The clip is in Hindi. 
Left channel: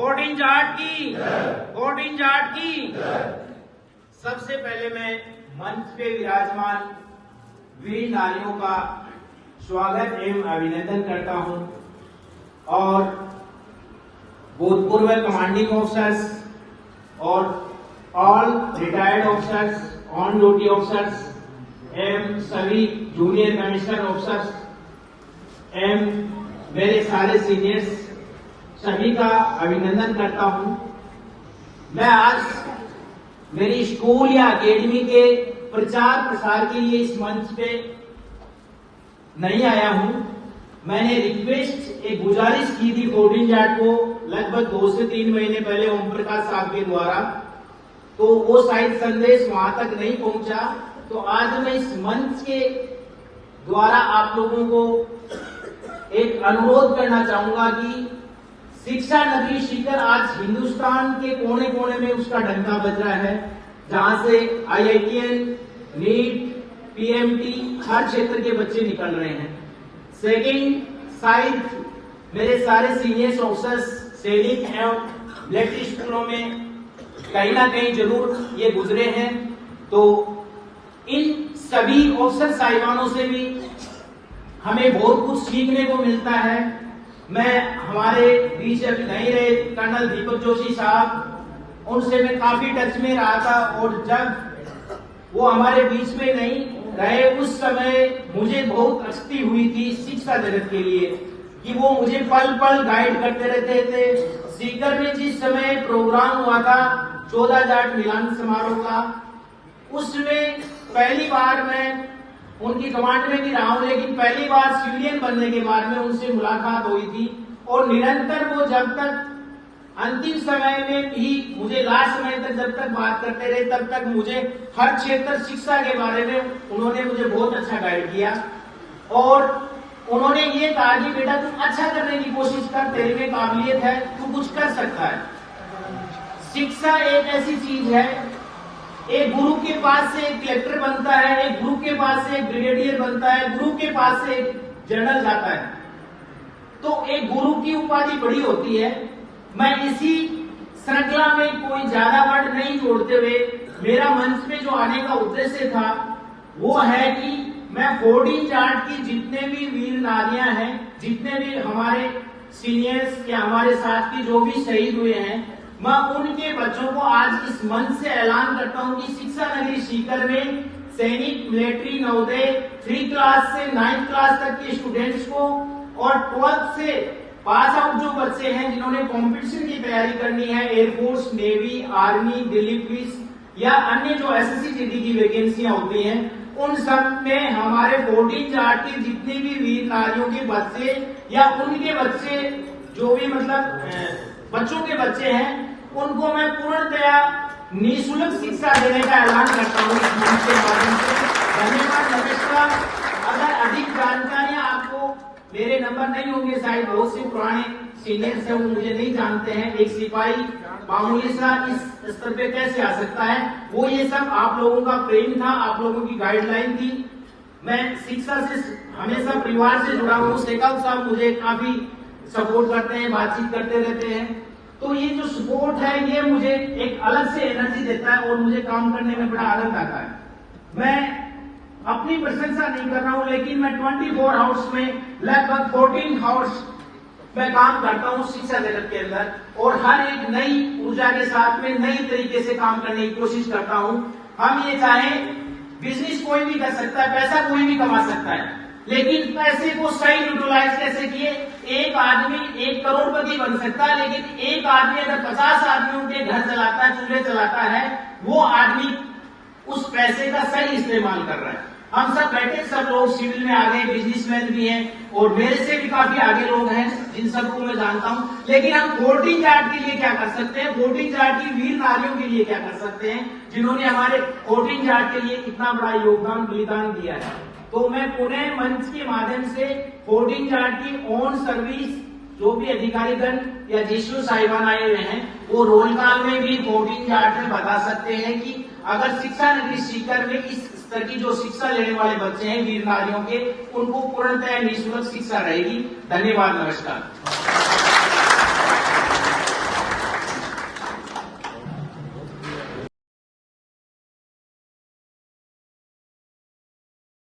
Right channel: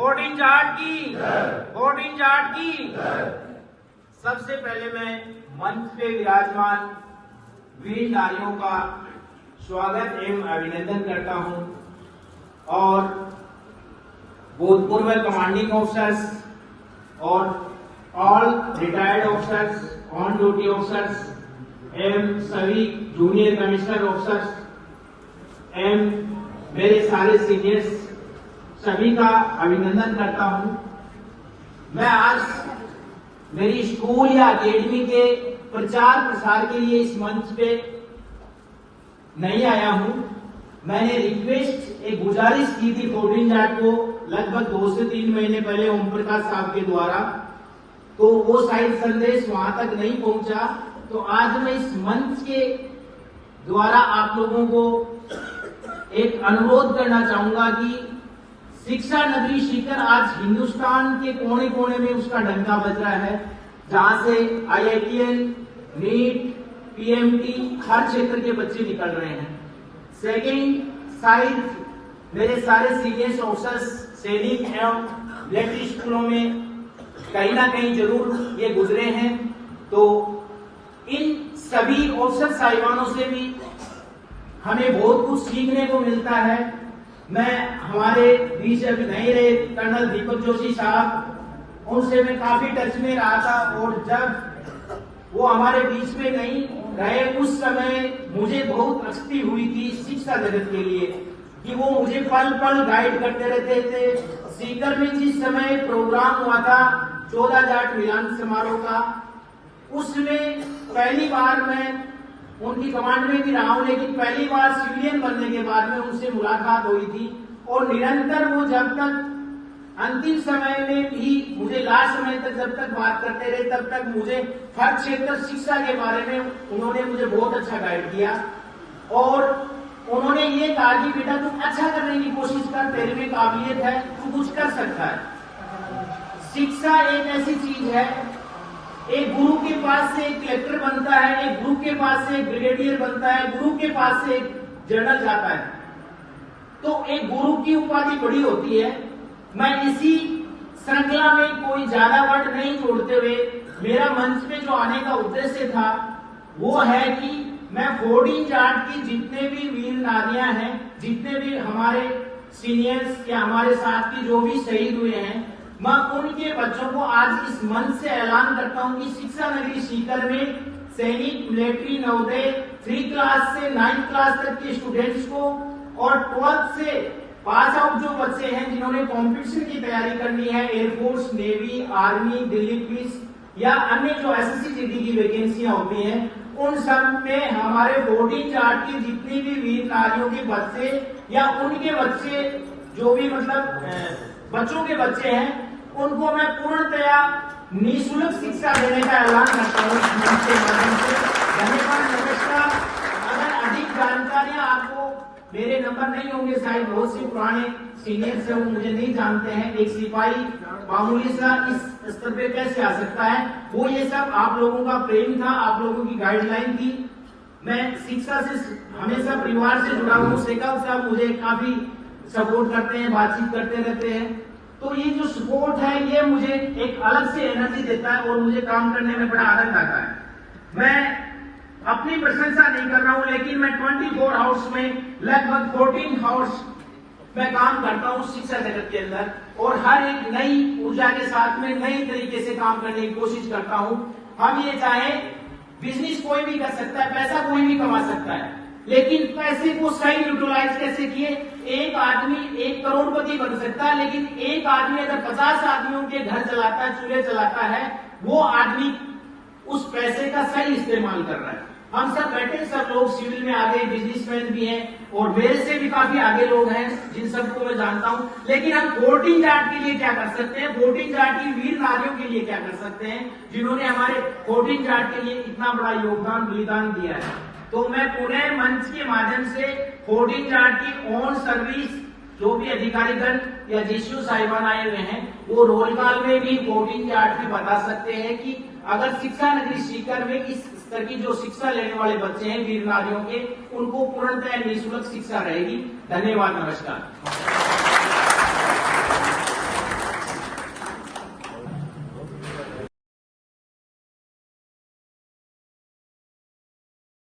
14 जाट की 14 जाट की। सबसे पहले मैं मंच पे विराजमान वीर नारियों का स्वागत एवं अभिनंदन करता हूं और भूतपूर्व कमांडिंग ऑफिसर्स और all retired officers, on duty officers एवं सभी जूनियर कमिश्नर ऑफिसर्स एवं मेरे सारे सीनियर्स सभी का अभिनंदन करता हूं। मैं आज मेरी स्कूल या अकेडमी के प्रचार प्रसार के लिए इस मंच पे नहीं आया हूं। मैंने रिक्वेस्ट, एक गुजारिश की थी 14 जाट को लगभग 2 से 3 महीने पहले ओम प्रकाश साहब के द्वारा, तो वो शायद संदेश वहां तक नहीं पहुंचा। तो आज मैं इस मंच के द्वारा आप लोगों को एक अनुरोध करना चाहूंगा कि शिक्षा नगरी सीकर आज हिंदुस्तान के कोने कोने में उसका डंका बज रहा है, जहां से IITL, नीट, PMT हर क्षेत्र के बच्चे निकल रहे हैं। सेकेंड साइड मेरे सारे सीनियर ऑफिसर्स सैनिक एवं मिलिट्री स्कूलों में कहीं ना कहीं जरूर ये गुजरे हैं, तो इन सभी ऑफिसर साहिबानों से भी हमें बहुत कुछ सीखने को मिलता है। मैं हमारे बीच अभी नहीं रहे कर्नल दीपक जोशी साहब, उनसे मैं काफी टच में रहा था और जब वो हमारे बीच में नहीं रहे उस समय मुझे बहुत अचती हुई थी शिक्षा जगत के लिए कि वो मुझे पल पल गाइड करते रहते थे। सीकर में जिस समय प्रोग्राम हुआ था 14 जाट मिलन समारोह का, उसमें पहली बार मैं उनकी कमांड में भी रहा हूं, लेकिन पहली बार सिविलियन बनने के बाद में उनसे मुलाकात हुई थी और निरंतर वो जब तक अंतिम समय में भी मुझे लास्ट समय तक जब तक बात करते रहे तब तक मुझे हर क्षेत्र शिक्षा के बारे में उन्होंने मुझे बहुत अच्छा गाइड किया और उन्होंने ये कहा कि बेटा तुम अच्छा करने की कोशिश कर, तेरे में काबिलियत है, तू कुछ कर सकता है। शिक्षा एक ऐसी चीज है, एक गुरु के पास से एक कलेक्टर बनता है, एक गुरु के पास से एक ब्रिगेडियर बनता है, गुरु के पास से एक जनरल जाता है, तो एक गुरु की उपाधि बड़ी होती है। मैं इसी श्रृंखला में कोई ज्यादा वर्ड नहीं जोड़ते हुए मेरा मंच पे जो आने का उद्देश्य था वो है कि मैं 14 जाट की जितने भी वीर नारियां हैं, जितने भी हमारे सीनियर्स या हमारे साथ की जो भी शहीद हुए हैं, मैं उनके बच्चों को आज इस मंच से ऐलान करता हूं कि शिक्षा नगरी सीकर में सैनिक, मिलिट्री, नवोदय 3 क्लास से 9 क्लास तक के स्टूडेंट्स को और 12th से पास आउट जो बच्चे हैं जिन्होंने कंपटीशन की तैयारी करनी है, air force, navy, army, Delhi police या अन्य जो SSC GD की वैकेंसियां होती हैं, उन सब में हमारे 14 जाट की जितनी भी वीर नारियों के बच्चे या उनके बच्चे जो भी मतलब बच्चों के बच्चे हैं, उनको मैं पूर्णतया निःशुल्क शिक्षा देने का ऐलान करता हूँ इस मंच के माध्यम से। धन्यवाद, नमस्कार। अगर अधिक जानकारियां आपको, मेरे नंबर नहीं होंगे, शायद बहुत से पुराने सीनियर्स हैं वो मुझे नहीं जानते हैं, एक सिपाही मामूली सा इस स्तर पे कैसे आ सकता है, वो ये सब आप लोगों का प्रेम था, आप लोगों की गाइडलाइन थी। मैं शिक्षा से हमेशा परिवार से जुड़ा हूँ, शेखावत साहब मुझे काफी सपोर्ट करते हैं, बातचीत करते रहते हैं, तो ये जो सपोर्ट है ये मुझे एक अलग से एनर्जी देता है और मुझे काम करने में बड़ा आनंद आता है। मैं अपनी प्रशंसा नहीं कर रहा हूं, लेकिन मैं 24 आवर्स में लगभग 14 आवर्स मैं काम करता हूं शिक्षा जगत के अंदर और हर एक नई ऊर्जा के साथ में नई तरीके से काम करने की कोशिश करता हूं। हम ये चाहें, बिजनेस कोई भी कर सकता है, पैसा कोई भी कमा सकता है, लेकिन पैसे को सही यूटिलाइज कैसे किए। एक आदमी 1 करोड़पति बन सकता है, लेकिन एक आदमी अगर 50 आदमियों के घर चलाता है, चूल्हे चलाता है, वो आदमी उस पैसे का सही इस्तेमाल कर रहा है। हम सब बैठे, सब लोग सिविल में आगे बिजनेसमैन भी हैं और मेरे से भी काफी आगे लोग हैं जिन सबको मैं जानता हूं, लेकिन हम 14 जाट के लिए क्या कर सकते हैं, 14 जाट की वीर नारियों के लिए क्या कर सकते हैं जिन्होंने हमारे 14 जाट के लिए इतना बड़ा योगदान बलिदान दिया है। तो मैं पुनः मंच के माध्यम से 14 जाट की ऑन सर्विस जो भी अधिकारीगण या जीशु साहिबान आए हुए हैं, वो रोल कॉल में भी 14 जाट में बता सकते हैं कि अगर शिक्षा नगरी सीकर में इस स्तर की जो शिक्षा लेने वाले बच्चे हैं वीर नारियों के, उनको पूर्णतः निःशुल्क शिक्षा रहेगी। धन्यवाद, नमस्कार।